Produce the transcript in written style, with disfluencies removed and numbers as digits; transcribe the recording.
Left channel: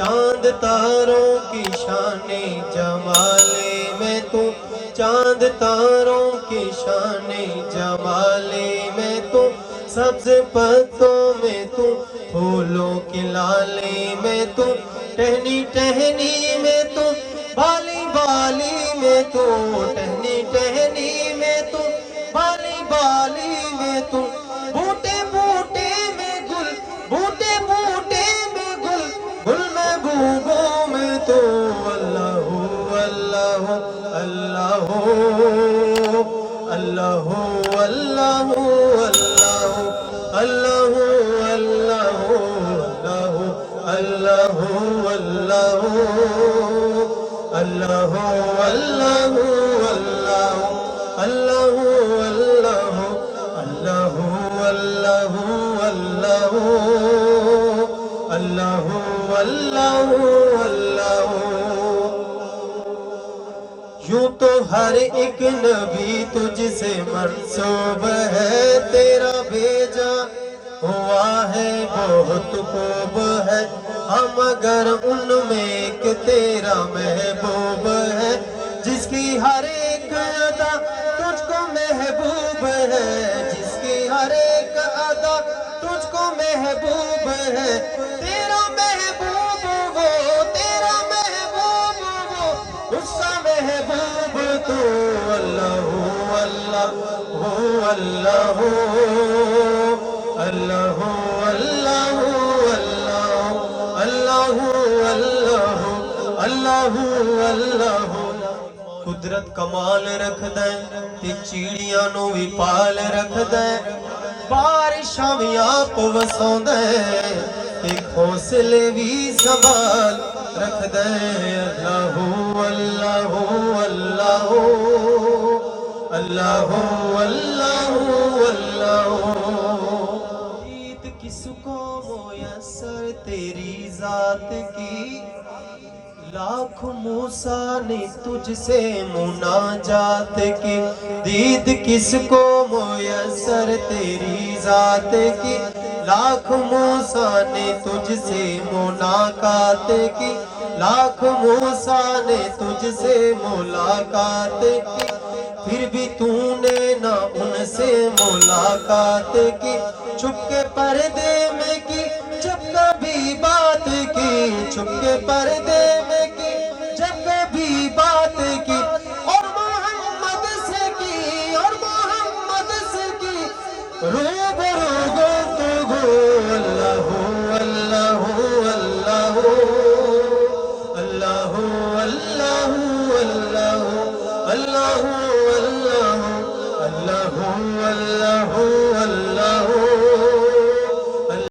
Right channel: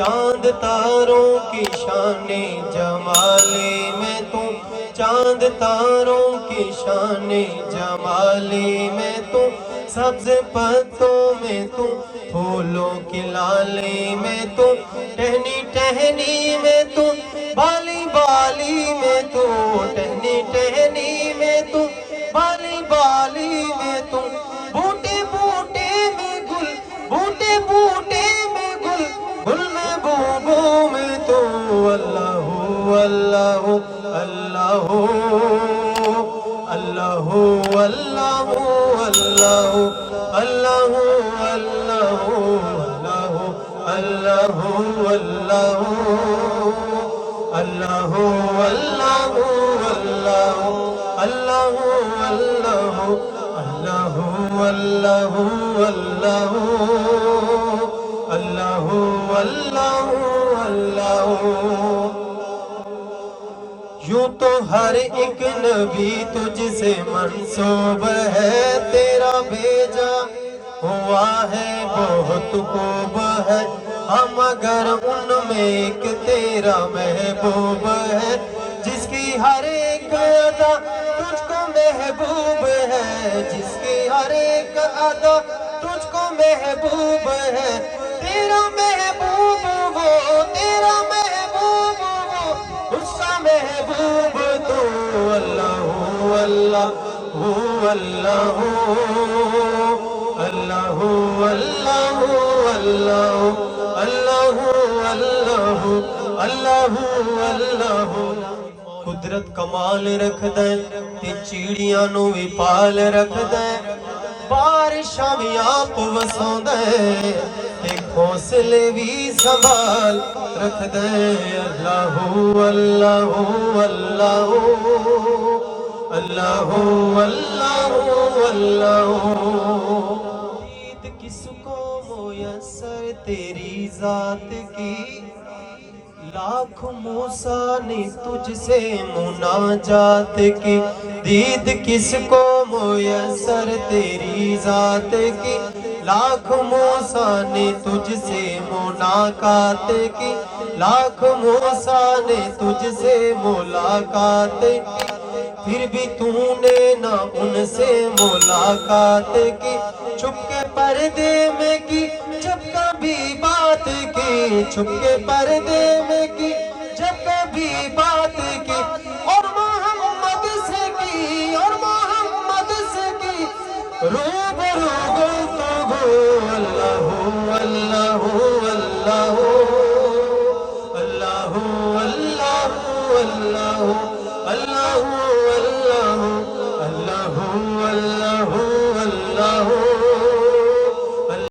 چاند تاروں کی شان جمالی میں تو، چاند تاروں کی شان جمالی میں تو، سبز پتوں میں تو، پھولوں کی لالی میں تو، ٹہنی ٹہنی میں تو، بالی بالی میں تو، ٹہنی ٹہنی میں تو، بالی بالی میں تو، بوٹے بوٹے میں گل، بوٹے بوٹے میں گل، گل محبوبوں میں تو، اللہ اللہ اللہ اللہ اللہ اللہ اللہ اللہ اللہ اللہ اللہ اللہ اللہ اللہ اللہ اللہ۔ یوں تو ہر ایک نبی تجھ سے منسوب ہے، تیرا بھیجا ہوا ہے بہت خوب ہے، ہم مگر ان میں ایک تیرا محبوب ہے، جس کی ہر ایک ادا تجھ کو محبوب ہے، جس کی ہر ایک ادا تجھ کو محبوب ہے، تیرا محبوب وہ، تیرا محبوب وہ، اس کا محبوب تو اللہ اللہ اللہ اللہ اللہ اللہ اللہ اللہ۔ قدرت کمال رکھ دے تے چیڑیاں نو وی پال رکھ دے، بارشاں وی آپ وساؤں دے تے گھونسلے وی سنبھال رکھ دے، اللہ اللہ اللہ اللہ اللہ اللہ۔ عید کس کو میسر تیری ذات کی، لاکھ موسیٰ نے تجھ سے مناجات کی، دید کس کو میسر تیری ذات کی، لاکھ موسیٰ نے تجھ سے ملاقات کی، لاکھ موسیٰ نے تجھ سے ملاقات کی، پھر بھی تو نے نہ ان سے ملاقات کی، چھپ کے پردے میں کی جب کبھی بات کی، چھپ کے پردے